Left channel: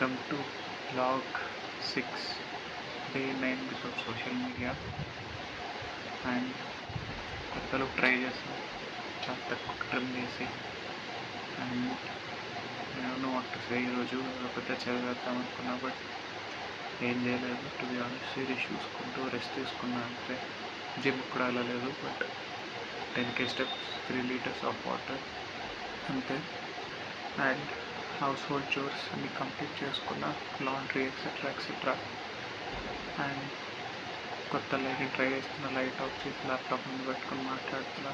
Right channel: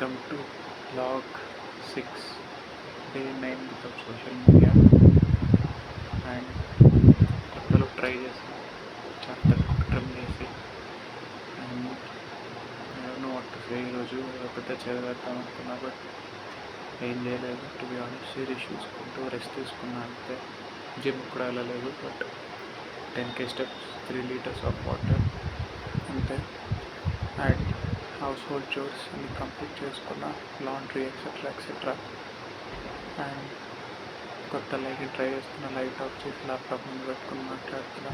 Welcome to Log 6, Day 9 without social media. And కొత్తలో ట్రై చేసాం, చాలా తక్కువ ట్రిమ్ చేసి. అండ్ నేను వాట్ టు సే, ఈరోజు పెద్ద చదివేద్దాం అనుకున్నా, బట్ ఏం చేయలేదు. టు బి ఆనెస్ట్, సిరీస్ చూసుకుంటూ రెస్ట్ తీసుకున్నా అంతే. జిమ్ కూడా వెళ్ళలేదు, but 10K steps, 3 liters of water అంతే. అండ్ హౌస్ హోల్డ్ చోర్స్ అన్ని కంప్లీట్ చేసుకున్నా, లాండ్రీ ఎక్సెట్రా. అండ్ కొత్త లైట్ని ట్రై చేస్తున్నా, లైట్ ఆఫ్ చేసి ల్యాప్టాప్ ముందు పెట్టుకుని మాట్లాడుతున్నా,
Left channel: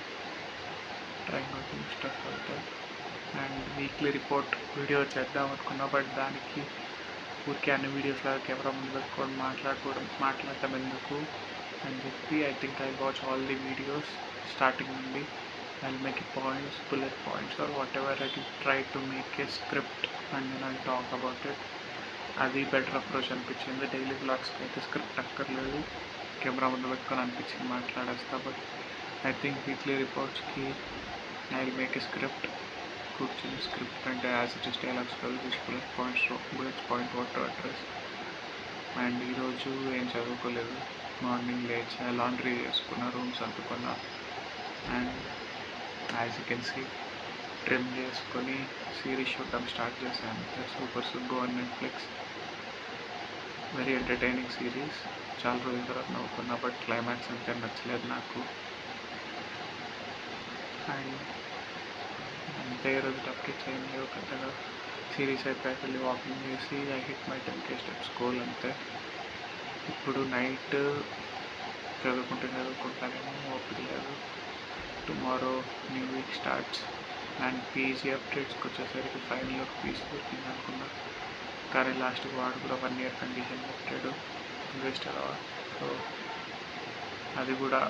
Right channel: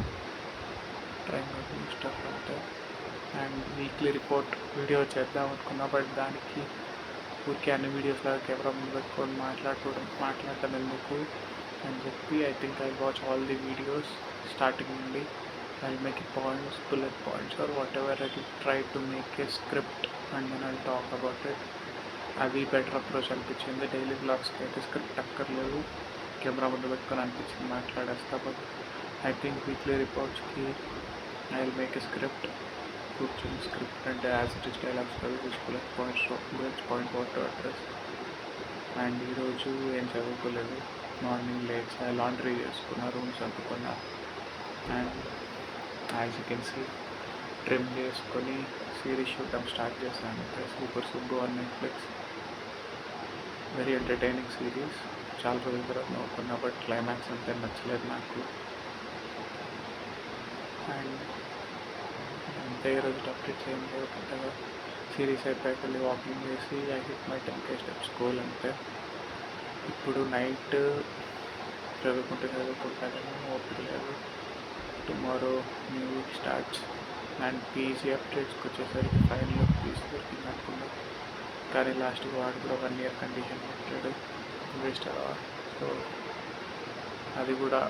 ట్రైంగ్ అవుట్ న్యూ స్టఫ్ అంతే. అండ్ వీక్లీ రిపోర్ట్ వీడియో చేద్దాం అనుకున్నా, బట్ దానికి ఊరికే అన్ని వీడియోస్ లాగా కెమెరా ముందు పెట్టుకొని మాట్లాడటం ఎందుకు అని చెప్పి I think I watch all the videos starting నుండి. I'll make points, bullet points or whatever. I'll try to make a script and then I'll talk about it. అది బెటర్ అప్రోచ్ అనిపించింది. డైలీ బ్లాగ్స్కి అయితే స్క్రిప్ట్ అక్కర్లేదు, camera ముందు పెట్టుకొని అనిపించింది మాట్లాడేస్తా. బట్ ఐ థింక్ వీక్లీ రిపోర్ట్స్కి I will make a script. కూర్చొని స్క్రిప్ట్ అంటే యాజ్ ఇట్ ఇస్ డైలాగ్స్ కాదు, bullet point what to address. And ఈరోజు ఏం చదువుకోలేదు. మార్నింగ్ లేచా, లాండ్రీ చేసుకున్నా, రూమ్స్ అందుకున్నా. And as you can see, trim చేసుకొని సిరీస్ చూడటం స్టార్ట్ చేశాను. Super Subbu on Netflix. Very entertaining series. చాలా రోజుల తర్వాత నవ్వుకున్నా, బట్ క్లైమాక్స్ అంతే నచ్చలేదు నాకు. అండ్ అంతే, ఈరోజు అప్డేట్స్ ఏం లేవు పెద్దగా. సిరీస్ అయిపోయాక వెళ్ళి వాకింగ్ చేసి I hit my 10K steps goal అంతే. ఇప్పుడు నైట్ చదువుకుంటానేమో, ఓపిక లేదు. Tomorrow new week starts. And PG అప్డేట్స్కి వచ్చేసరికి ఫైనల్ పీజీ దొరికింది అనుకున్నా, కానీ లాస్ట్కి వాడు కూడా 1 year కండిషన్ పెట్టాడు. వేస్ట్ అలా, సో అది కూడా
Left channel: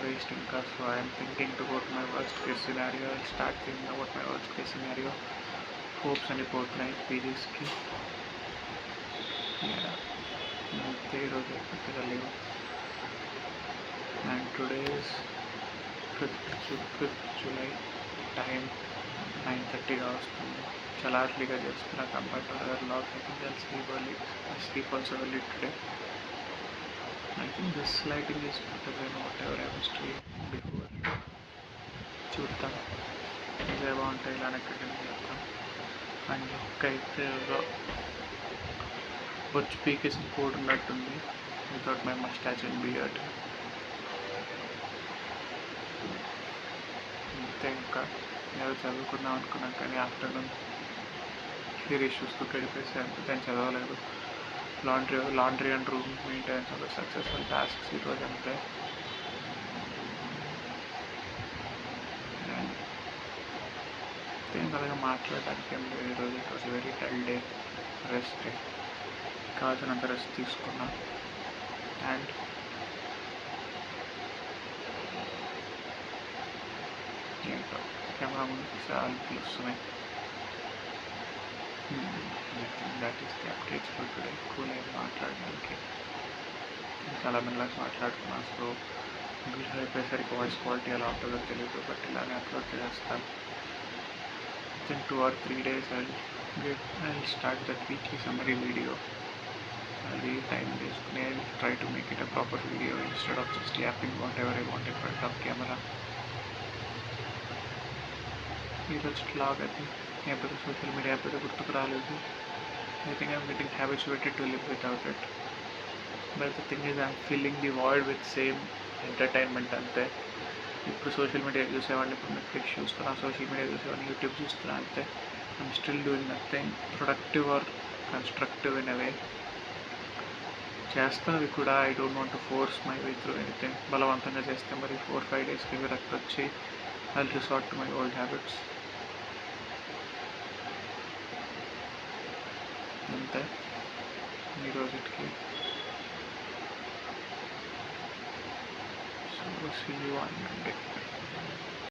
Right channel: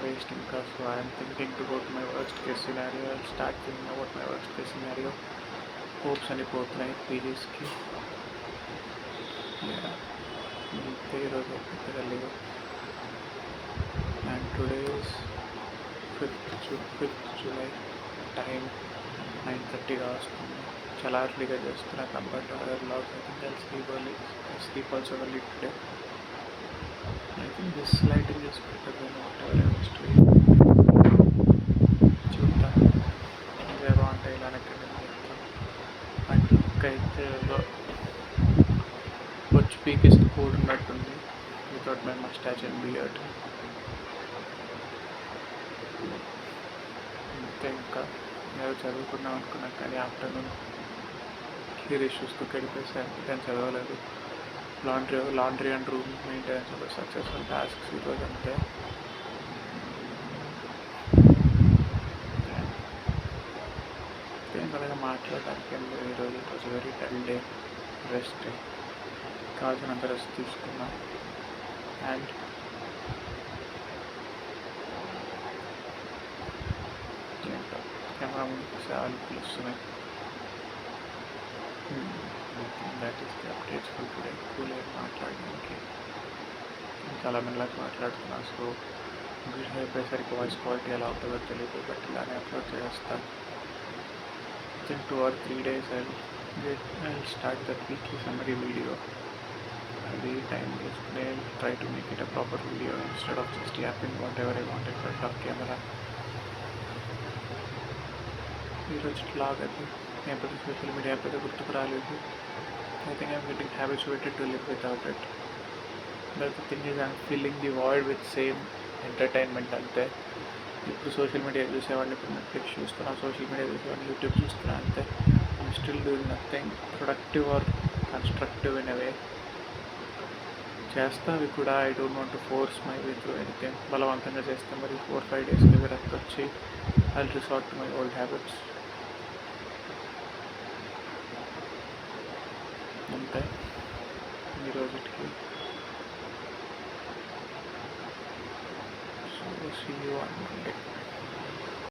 వేస్ట్ ఇంకా. So I'm thinking to go to my worst case scenario. I start thinking about my worst case scenario. Hopes అని పోతున్నాయి పీజీస్కి. అంతే, ఈరోజు పెద్దగా లేవు. And today's 5th July, time 9:30గా వస్తుంది. చాలా అర్లీగా చేస్తున్నా compare to other logs. I think I'll sleep also early today. I think this lighting is better then whatever I was doing. చూద్దాం, ఇదే బాగుంటాయి, ఇలానే కంటిన్యూ చేద్దాం. అండ్ లుక్ అయితే బొచ్చు పీకేసి కోడ్ ఉన్నట్టుంది వితౌట్ మై మస్టాచ్ అండ్ బియర్డ్. అంతే, ఇంకా ఏదో చదువుకుందాం అనుకున్నాం, కానీ ఆఫ్టర్నూన్ సిరీస్ చూస్తూ గడిపేసాను. దాన్ని చదవలేదు. లాండ్రీ అండ్ రూమ్ మెయింటెనెన్స్ ఒక సక్సెస్ఫుల్ టాస్క్స్ ఈరోజు అంతే. అంతే, ఇంకా మాట్లాడడానికి ఏం లేదు ఈరోజు. It was very dull day. Rest day, కావాల్సినంత రెస్ట్ తీసుకున్నా. అండ్ ఏంటో కెమెరా ముందుకు సాల్పులు వస్తున్నాయి. That is the updates for today. Cool అయ్యి మాట్లాడడానికి చాలా మెల్లగా మాట్లాడుతున్నా. సో వీడియో అయిపోయేసరికి వాయిస్ క్వాలిటీ ఎలా ఉంటుందో తెలియదు, బట్ ఇలానే అప్లోడ్ చేస్తాను. విత్ 2 or 3 days I start that weekly summary video. అది టైం తీసుకుని try to make it a proper video instead of just yapping what ever I want in front of camera. ఈరోజు లాగ్ అది ఏం పెద్ద సోషల్ మీడియా పెద్ద గుర్తుకు రాలేదు. I think I'm getting habituated to live without it. But the thing is I'm filling the void with same entertainment అంతే. ఇప్పుడు social media చూసేవాడిని, ఇప్పుడు నెట్ఫ్లిక్స్ చూస్తున్నా. సోషల్ మీడియా చూసేవాడిని, యూట్యూబ్ చూస్తున్నా అంతే. I'm still doing nothing productive or constructive in a way. చేస్తా అవి కూడా. I don't want to force my way through anything. బలవంతంగా చేస్తే మరి 4-5 daysకి విరక్తి వచ్చి I will resort to my old habits అంతే ఈరోజుకి. So see you on Monday.